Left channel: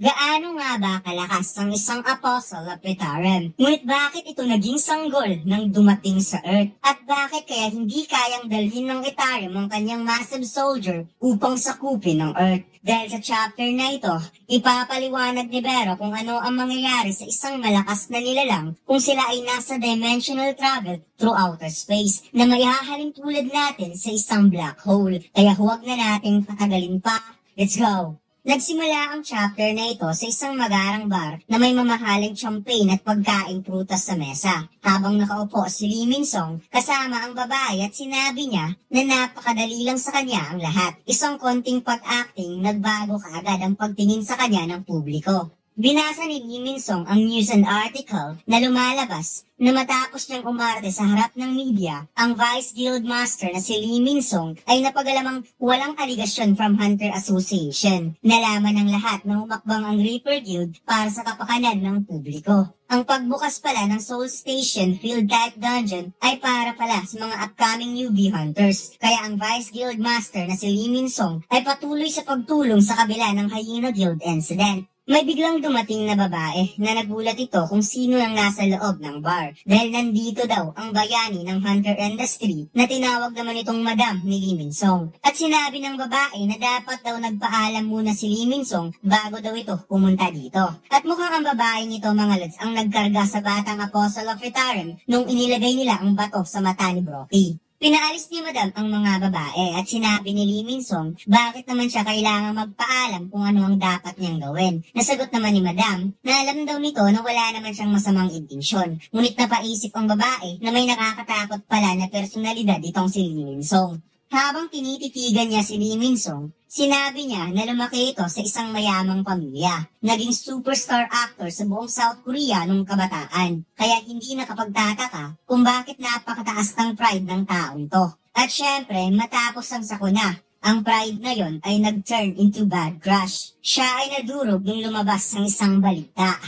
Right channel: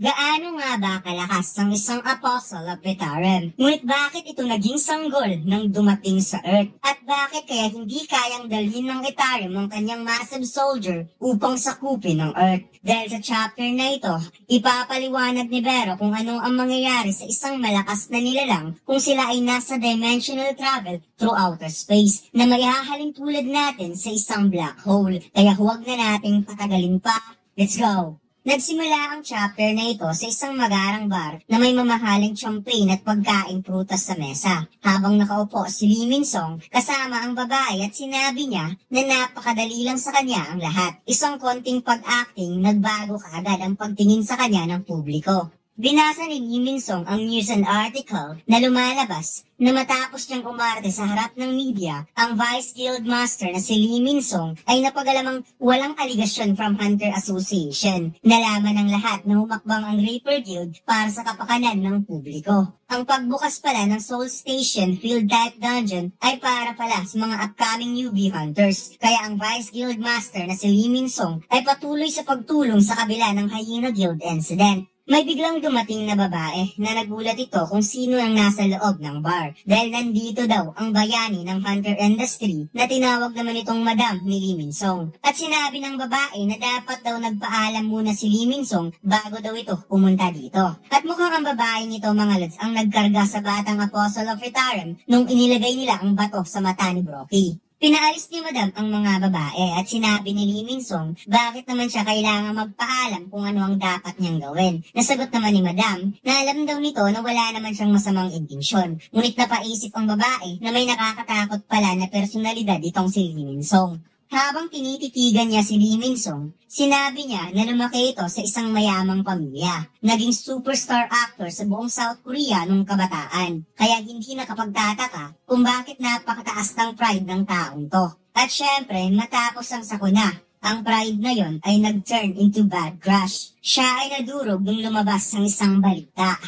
Gaano nga ba kalakas ang isang apostle of Betaren? Ngunit bakit ito naging sanggol nang dumating sa Earth? At bakit kaya hindi kayang dalhin ng Etarium ang kanyang massive soldier upang sakupin ng Earth? Dahil sa chapter na ito, ipapaliwanag ni Vero kung ano ang mangyayari sa isang malakas na nilalang kung sila ay nasa dimensional travel through outer space na maihahalin tulad natin sa isang black hole. Kaya huwag na nating patagalin pa. Let's go! Nagsimula ang chapter na ito sa isang magarang bar na may mamahaling champagne at pagkaing prutas sa mesa. Habang nakaupo si Lee Min-sung kasama ang babae at sinabi niya na napakadali lang sa kanya ang lahat. Isang konting pag-acting, nagbago kaagad ang pagtingin sa kanya ng publiko. Binasa ni Lee Min-sung ang news and article na lumalabas na matapos niyang umarte sa harap ng media, ang Vice Guild Master na si Lee Min-sung ay napagalamang walang aligasyon from Hunter Association. Nalaman ng lahat na umakbang ang Reaper Guild para sa kapakanan ng publiko. Ang pagbukas pala ng Soul Station Field Type Dungeon ay para pala sa mga upcoming newbie hunters. Kaya ang Vice Guild Master na si Lee Min-sung ay patuloy sa pagtulong sa kabila ng Hyena Guild incident. May biglang dumating na babae na nagulat ito kung sino ang nasa loob ng bar dahil nandito daw ang bayani ng hunter industry na tinawag naman itong Madam ni Lee Min-sung. At sinabi ng babae na dapat daw nagpaalam muna si Lee Min-sung bago daw ito pumunta dito. At mukhang ang babaeng ito mga lods ang nagkarga sa batang Apostle of Etarium nung inilagay nila ang bato sa mata ni Brockie. Pinaalis ni Madam ang mga babae at sinabi ni Lee Min-sung bakit naman siya kailangang magpaalam kung ano ang dapat niyang gawin. Nasagot naman ni Madam na alam daw nito na wala naman siyang masamang intensyon. Ngunit napaisip ang babae na may nakakatakot pala na personalidad itong si Lee Min-sung. Habang tinititigan niya si Lee Min-sung, sinabi niya na lumaki ito sa isang mayamang pamilya. Naging superstar actor sa buong South Korea nung kabataan. Kaya hindi nakapagtataka kung bakit napakataas ng pride ng taong to. At syempre, matapos ang sakuna, ang pride na yon ay nag-turn into bad crush. Siya ay nadurog nung lumabas ng isang balita.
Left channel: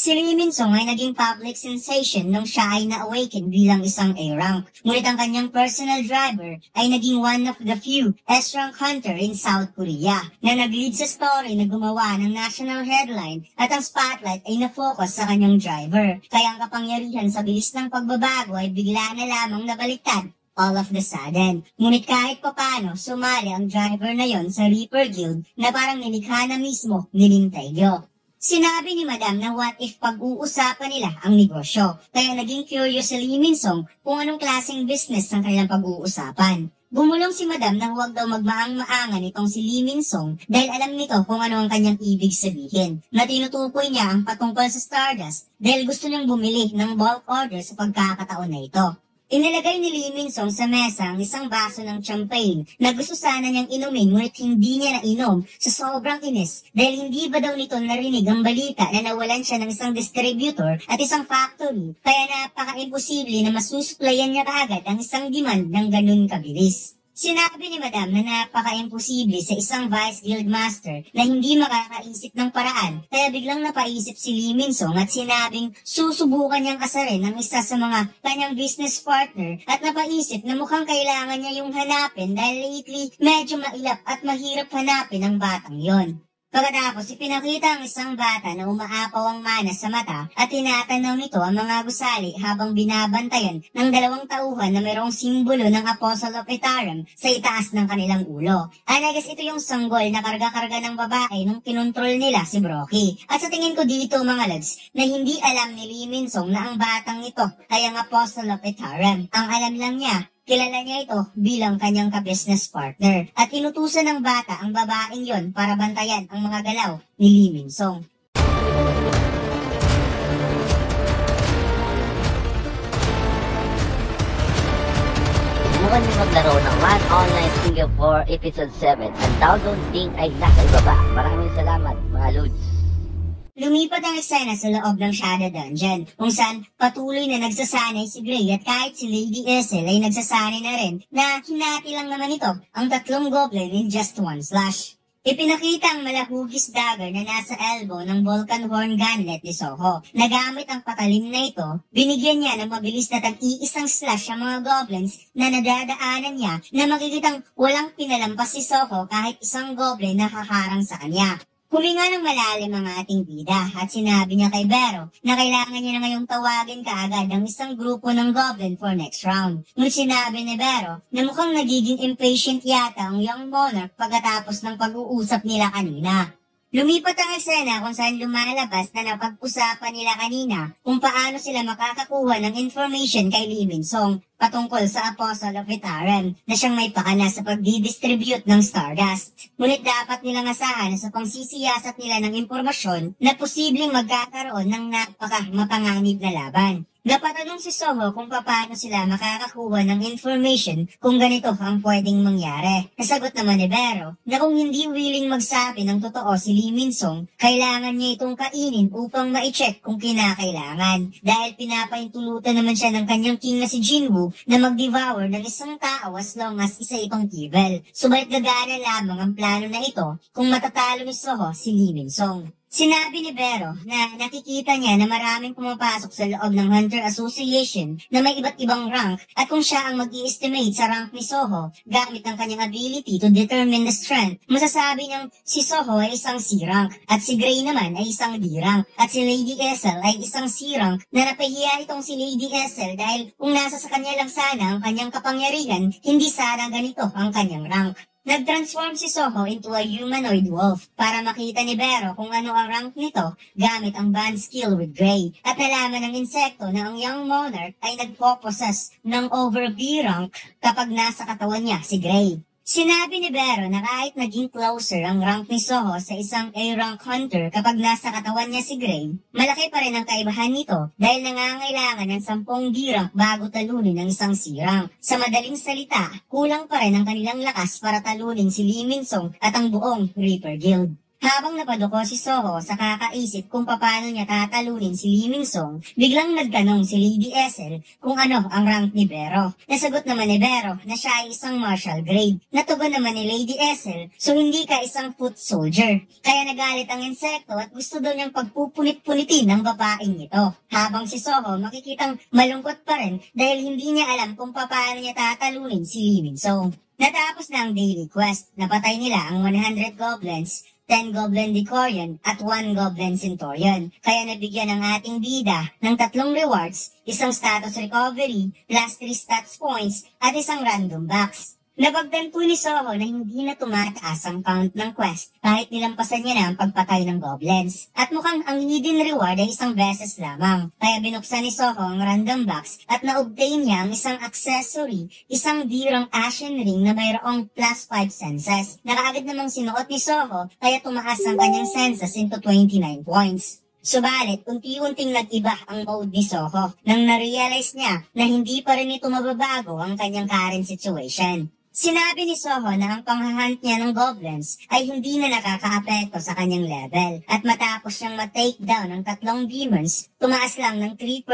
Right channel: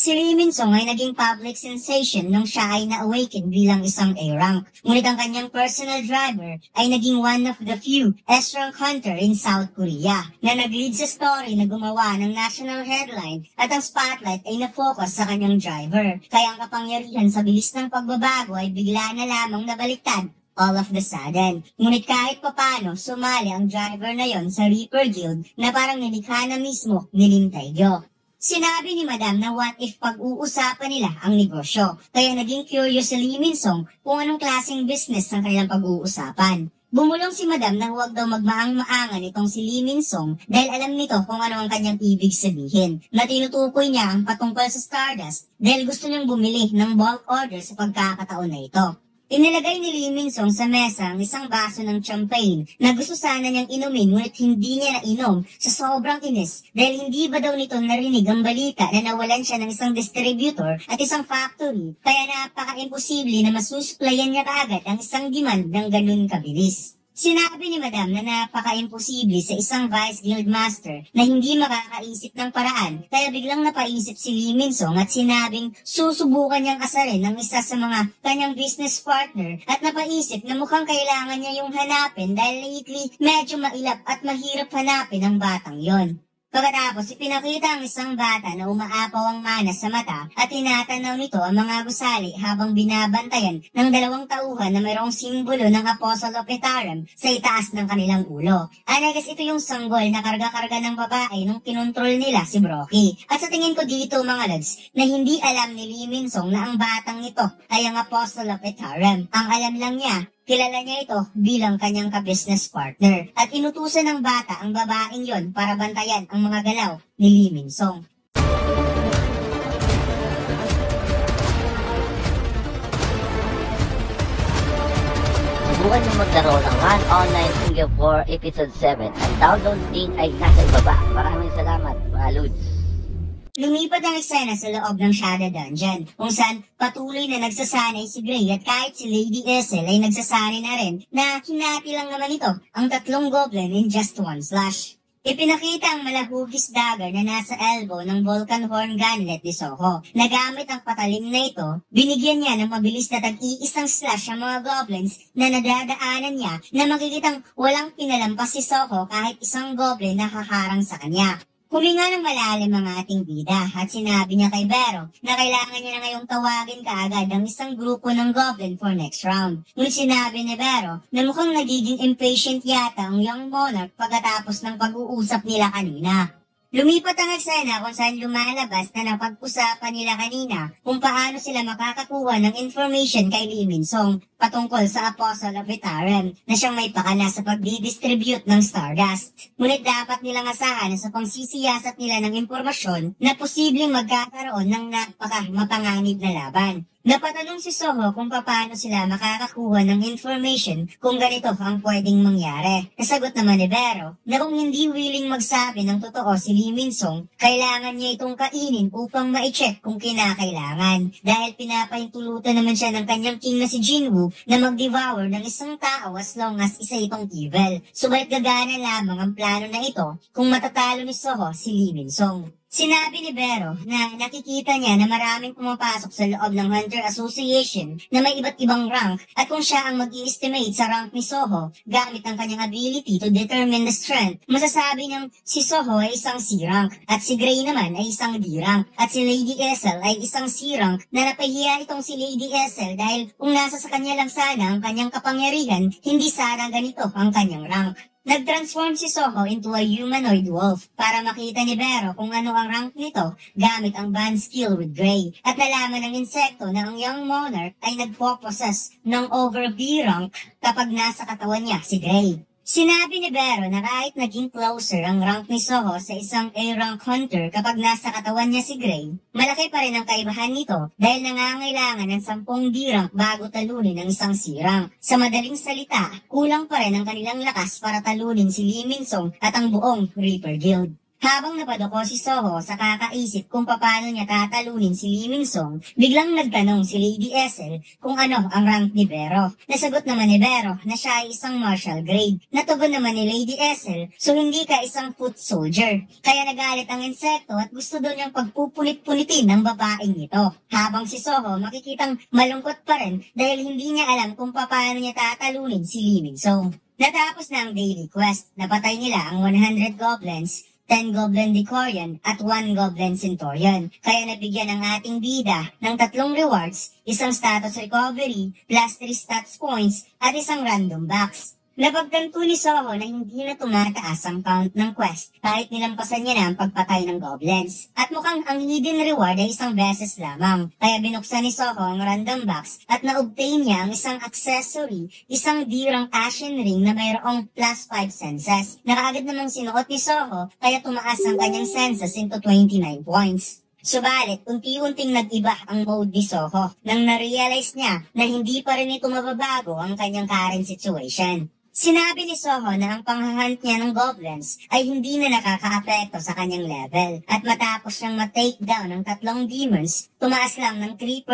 Si Lee Min-sung ay naging public sensation nung siya ay na-awaken bilang isang A-rank. Ngunit ang kanyang personal driver ay naging one of the few S-rank hunter in South Korea na nag-lead sa story na gumawa ng national headline at ang spotlight ay na-focus sa kanyang driver. Kaya ang kapangyarihan sa bilis ng pagbabago ay bigla na lamang nabaliktad all of the sudden. Ngunit kahit papano, sumali ang driver na yon sa Reaper Guild na parang nilikha na mismo ni Lim Tae-gyo. Sinabi ni Madam na what if pag-uusapan nila ang negosyo, kaya naging curious si Lee Min-sung kung anong klaseng business ang kanilang pag-uusapan. Bumulong si Madam na huwag daw magmaang-maangan itong si Lee Min-sung dahil alam nito kung ano ang kanyang ibig sabihin. Na tinutukoy niya ang patungkol sa Stardust dahil gusto niyang bumili ng bulk order sa pagkakataon na ito. Inilagay ni Lee Min-sung sa mesa ang isang baso ng champagne na gusto sana niyang inumin ngunit hindi niya nainom sa sobrang inis dahil hindi ba daw nito narinig ang balita na nawalan siya ng isang distributor at isang factory kaya napaka-imposible na masusuplayan niya kaagad ang isang demand ng ganun kabilis. Sinabi ni Madam na napaka-imposible sa isang Vice Guild Master na hindi makakaisip ng paraan kaya biglang napaisip si Lee Min-sung at sinabing susubukan niyang asarin ng isa sa mga kanyang business partner at napaisip na mukhang kailangan niya yung hanapin dahil lately medyo mailap at mahirap hanapin ang batang yon. Pagkatapos, ipinakita ang isang bata na umaapaw ang mana sa mata at tinatanaw nito ang mga gusali habang binabantayan ng dalawang tauhan na mayroong simbolo ng Apostle of Etarium sa itaas ng kanilang ulo. Anagas ito yung sanggol na karga-karga ng babae nung kinontrol nila si Brockie. At sa tingin ko dito mga lods, na hindi alam ni Lee Min-sung na ang batang ito ay ang Apostle of Etarium. Ang alam lang niya, kilala niya ito bilang kanyang ka-business partner at inutusan ng bata ang babaeng yon para bantayan ang mga galaw ni Lee Min-sung. Subukan mo maglaro ng One Online Studio 4 Episode 7. Ang download link ay nasa ibaba. Maraming salamat mga lods. Lumipat ang eksena sa loob ng Shadow Dungeon, kung saan patuloy na nagsasanay si Gray at kahit si Lady Essel ay nagsasanay na rin na hinati lang naman ito ang tatlong goblin in just one slash. Ipinakita ang malahugis dagger na nasa elbow ng Vulcan Horn Gunlet ni Soho. Nagamit ang patalim na ito, binigyan niya ng mabilis na tag-iisang slash ang mga goblins na nadadaanan niya na makikitang walang pinalampas si Soho kahit isang goblin na haharang sa kanya. Huminga ng malalim ang ating bida at sinabi niya kay Vero na kailangan niya na ngayong tawagin kaagad ang isang grupo ng Goblin for next round. Ngunit sinabi ni Vero na mukhang nagiging impatient yata ang young monarch pagkatapos ng pag-uusap nila kanina. Lumipat ang eksena kung saan lumalabas na napag-usapan nila kanina kung paano sila makakakuha ng information kay Lee Min-sung patungkol sa Apostle of Itaran na siyang may pakana sa pagdidistribute ng Stardust. Ngunit dapat nilang asahan sa pangsisiyasat nila ng impormasyon na posibleng magkakaroon ng napaka-mapanganib na laban. Napatanong si Soho kung paano sila makakakuha ng information kung ganito ang pwedeng mangyari. Nasagot naman ni Vero na kung hindi willing magsabi ng totoo si Lee Min-sung, kailangan niya itong kainin upang ma-check kung kinakailangan. Dahil pinapaintulutan naman siya ng kanyang king na si Jinwoo na mag-devour ng isang tao as long as isa itong evil. Subalit gagana lamang ang plano na ito kung matatalo ni Soho si Lee Min-sung. Sinabi ni Vero na nakikita niya na maraming pumapasok sa loob ng Hunter Association na may iba't ibang rank at kung siya ang mag-i-estimate sa rank ni Soho gamit ang kanyang ability to determine the strength, masasabi niyang si Soho ay isang C-rank at si Gray naman ay isang D-rank at si Lady Essel ay isang C-rank na napahiya itong si Lady Essel dahil kung nasa sa kanya lang sana ang kanyang kapangyarihan, hindi sana ganito ang kanyang rank. Nag-transform si Soho into a humanoid wolf para makita ni Vero kung ano ang rank nito gamit ang band skill with Gray at nalaman ng insekto na ang young monarch ay nagpo-possess ng over B rank kapag nasa katawan niya si Gray. Sinabi ni Vero na kahit naging closer ang rank ni Soho sa isang A-rank hunter kapag nasa katawan niya si Gray, malaki pa rin ang kaibahan nito dahil nangangailangan ng 10 B-rank bago talunin ang isang C-rank. Sa madaling salita, kulang pa rin ang kanilang lakas para talunin si Lee Min-sung at ang buong Reaper Guild. Habang napaduko si Soho sa kakaisip kung paano niya tatalunin si Lee Min-sung, biglang nagtanong si Lady Essel kung ano ang rank ni Vero. Nasagot naman ni Vero na siya ay isang martial grade. Natugon naman ni Lady Essel, so hindi ka isang foot soldier. Kaya nagalit ang insekto at gusto doon niyang pagpupunit-punitin ng babaeng ito. Habang si Soho makikitang malungkot pa rin dahil hindi niya alam kung paano niya tatalunin si Lee Min-sung. Natapos na ang daily quest. Napatay nila ang 100 goblins, 10 Goblin Decorion at 1 Goblin Centurion. Kaya nabigyan ng ating bida ng 3 rewards, isang status recovery, plus 3 stats points, at isang random box. Napagtanto ni Soho na hindi na tumataas ang count ng quest kahit nilampasan niya na ang pagpatay ng goblins. At mukhang ang hidden reward ay isang beses lamang. Kaya binuksan ni Soho ang random box at na-obtain niya ang isang accessory, isang dirang ashen ring na mayroong plus 5 senses. Nakaagad namang sinuot ni Soho kaya tumaas ang kanyang senses into 29 points. Subalit, unti-unting nag-iba ang mode ni Soho nang na-realize niya na hindi pa rin ito mababago ang kanyang current situation. Sinabi ni Soho na ang panghahunt niya ng goblins ay hindi na nakaka-apekto sa kanyang level at matapos niyang ma-take down ng 3 demons, tumaas lang ng 3%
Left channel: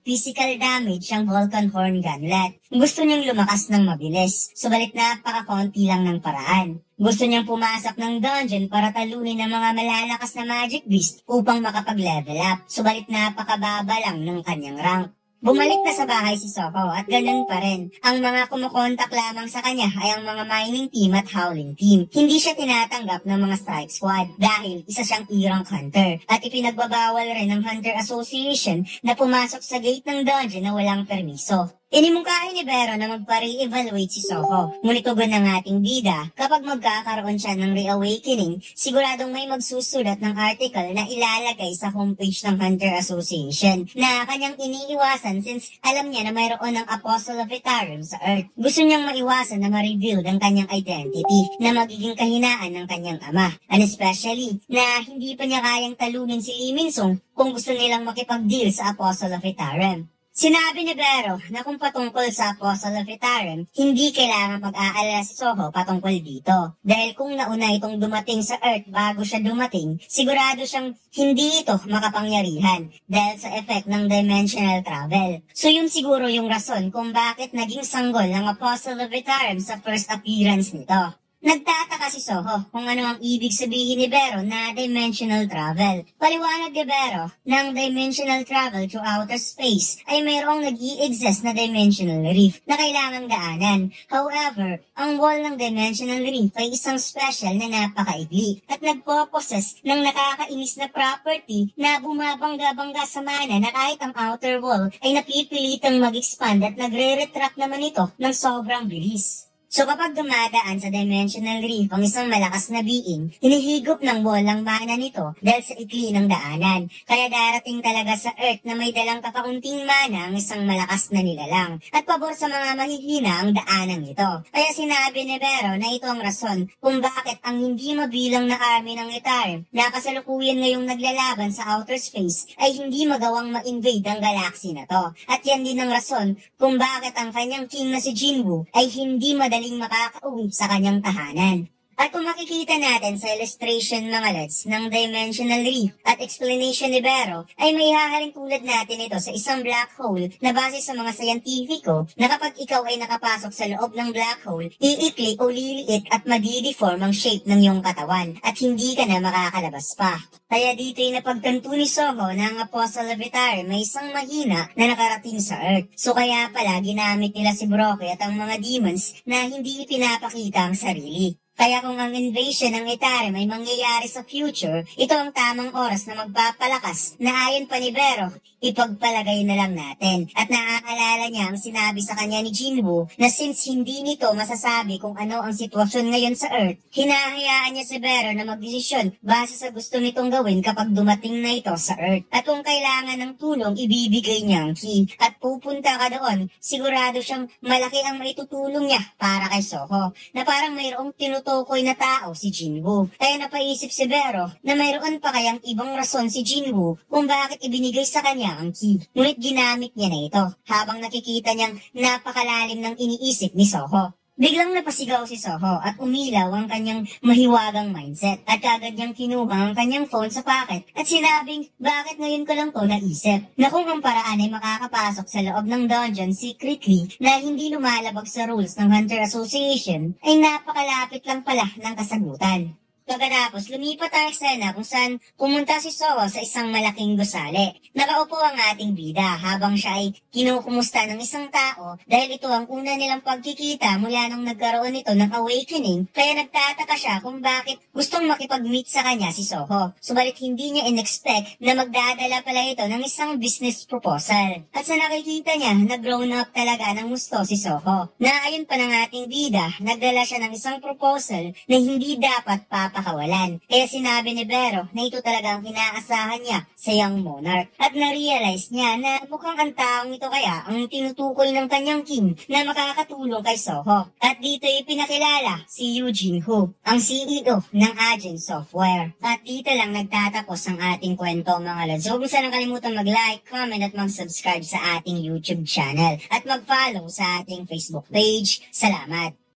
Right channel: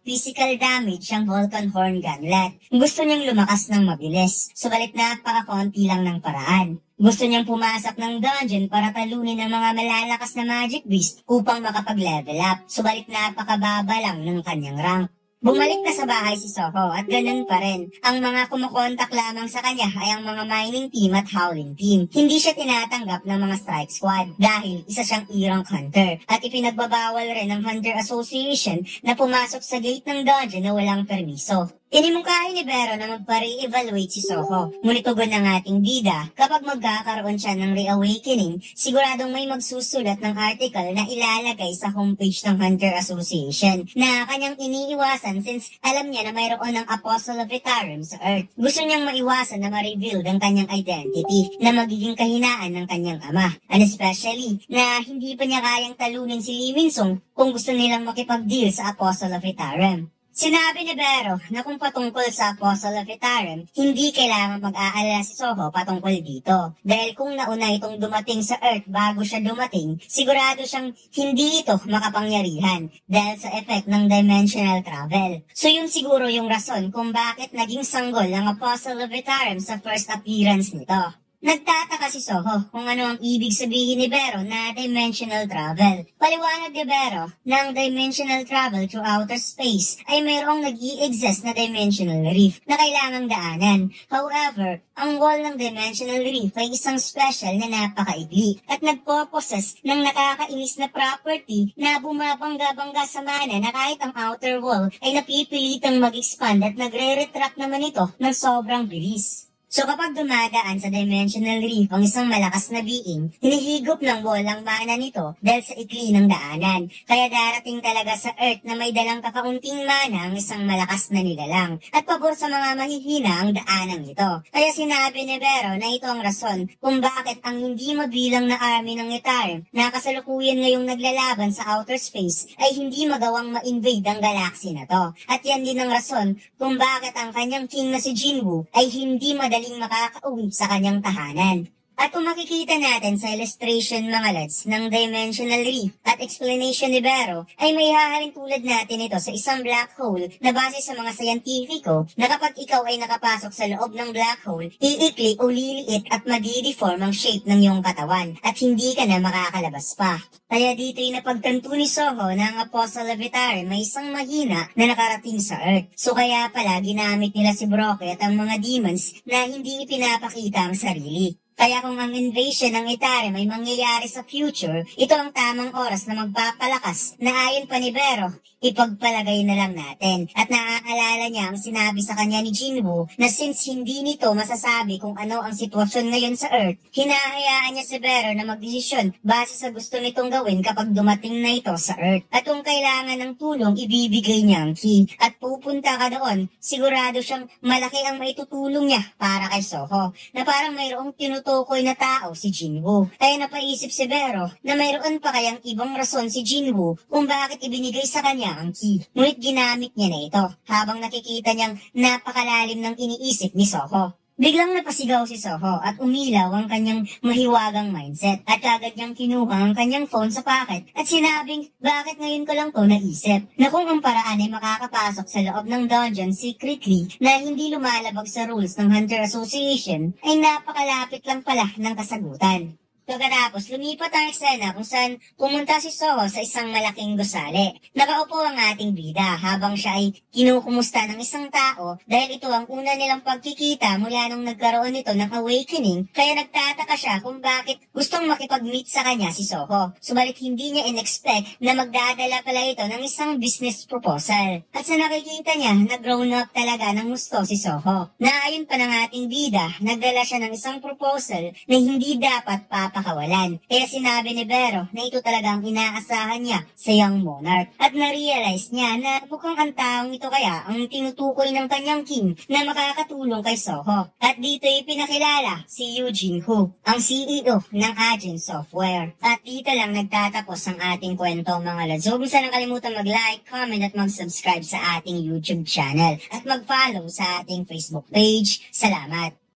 physical damage ang Vulcan Horn Gunlet. Gusto niyang lumakas ng mabilis, subalit napaka-konti lang ng paraan. Gusto niyang pumasok ng dungeon para talunin ang mga malalakas na magic beast upang makapag-level up, subalit napakababa lang ng kanyang rank. Bumalik na sa bahay si Soho at ganun pa rin. Ang mga kumukontak lamang sa kanya ay ang mga mining team at howling team. Hindi siya tinatanggap ng mga strike squad dahil isa siyang E-rank hunter. At ipinagbabawal rin ng Hunter Association na pumasok sa gate ng dungeon na walang permiso. Inimungkahi ni Vero na magpa-re-evaluate si Soho. Ngunit ugon ng ating bida, kapag magkakaroon siya ng reawakening, siguradong may magsusulat ng article na ilalagay sa homepage ng Hunter Association na kanyang iniiwasan since alam niya na mayroon ng Apostle of Itaran sa Earth. Gusto niyang maiwasan na ma-reveal ang kanyang identity na magiging kahinaan ng kanyang ama. And especially na hindi pa niya kayang talunin si Lee Min-sung kung gusto nilang makipag-deal sa Apostle of Itaran. Sinabi ni Vero na kung patungkol sa Apostle of Itaran, hindi kailangan mag-aalala si Soho patungkol dito. Dahil kung nauna itong dumating sa Earth bago siya dumating, sigurado siyang hindi ito makapangyarihan dahil sa effect ng dimensional travel. So yun siguro yung rason kung bakit naging sanggol ang Apostle of Itaran sa first appearance nito. Nagtataka si Soho kung ano ang ibig sabihin ni Vero na dimensional travel. Paliwanag ni Vero na ang dimensional travel through outer space ay mayroong nag-i-exist na dimensional reef na kailangang daanan. However, ang wall ng dimensional reef ay isang special na napakaigli at nagpo-possess ng nakakainis na property na bumabangga-bangga sa mana na kahit ang outer wall ay napipilitang mag-expand at nagre-retract naman ito ng sobrang bilis. So kapag dumadaan sa dimensional reef ang isang malakas na being, hinihigop ng wall ang mana nito dahil sa ikli ng daanan. Kaya darating talaga sa Earth na may dalang kakaunting mana ang isang malakas na nilalang. At pabor sa mga mahihina ang daanan nito. Kaya sinabi ni Vero na ito ang rason kung bakit ang hindi mabilang na army ng Ytarium na kasalukuyan ngayong naglalaban sa outer space ay hindi magawang ma-invade ang galaxy na to. At yan din ang rason kung bakit ang kanyang king na si Jinwoo ay hindi madaling makakauwi sa kanyang tahanan. At kung makikita natin sa illustration mga lods ng dimensional reef at explanation ni Vero, ay may hahalin tulad natin ito sa isang black hole na base sa mga scientifico na kapag ikaw ay nakapasok sa loob ng black hole, iikli o liliit at madideform ang shape ng iyong katawan at hindi ka na makakalabas pa. Kaya dito'y napagtanto ni Soho na ang Apostle of Ytarium may isang mahina na nakarating sa Earth. So kaya pala ginamit nila si Brockie at ang mga demons na hindi ipinapakita ang sarili. Kaya kung ang invasion ng Ytarium ay mangyayari sa future, ito ang tamang oras na magpapalakas na ayon pa ni Vero, ipagpalagay na lang natin. At naaalala niya ang sinabi sa kanya ni Jinwoo na since hindi nito masasabi kung ano ang sitwasyon ngayon sa Earth, hinahayaan niya si Vero na magdesisyon base sa gusto nitong gawin kapag dumating na ito sa Earth. At kung kailangan ng tulong, ibibigay niya ang key. At pupunta ka doon, sigurado siyang malaki ang maitutulong niya para kay Soho, na parang mayroong tinutukoy na tao si Jinwoo. Kaya napaisip si Vero na mayroon pa kayang ibang rason si Jinwoo kung bakit ibinigay sa kanya ang key. Ngunit ginamit niya na ito habang nakikita niyang napakalalim ng iniisip ni Soho. Biglang napasigaw si Soho at umilaw ang kanyang mahiwagang mindset at kagad niyang kinuha ang kanyang phone sa pocket at sinabing bakit ngayon ko lang to naisip na kung ang paraan ay makakapasok sa loob ng dungeon secretly na hindi lumalabag sa rules ng Hunter Association ay napakalapit lang pala ng kasagutan. Pagkatapos, lumipat ang eksena kung saan pumunta si Soho sa isang malaking gusali. Nakaupo ang ating bida habang siya ay kinukumusta ng isang tao dahil ito ang una nilang pagkikita mula nung nagkaroon nito ng awakening, kaya nagtataka siya kung bakit gustong makipag-meet sa kanya si Soho. Subalit hindi niya in-expect na magdadala pala ito ng isang business proposal. At sa nakikita niya, nag-grown up talaga ng gusto si Soho. Na ayon pa ng ating bida, nagdala siya ng isang proposal na hindi dapat pakawalan. Kaya sinabi ni Vero na ito talagang inaasahan niya sa young monarch. At na-realize niya na mukhang ang taong ito kaya ang tinutukoy ng kanyang king na makakatulong kay Soho. At dito ipinakilala si Eugene Hu, ang CEO ng Agent Software. At dito lang nagtatapos ang ating kwento mga lads. Huwag mo sanang kalimutan mag-like, comment at mag-subscribe sa ating YouTube channel. At mag-follow sa ating Facebook page. Salamat!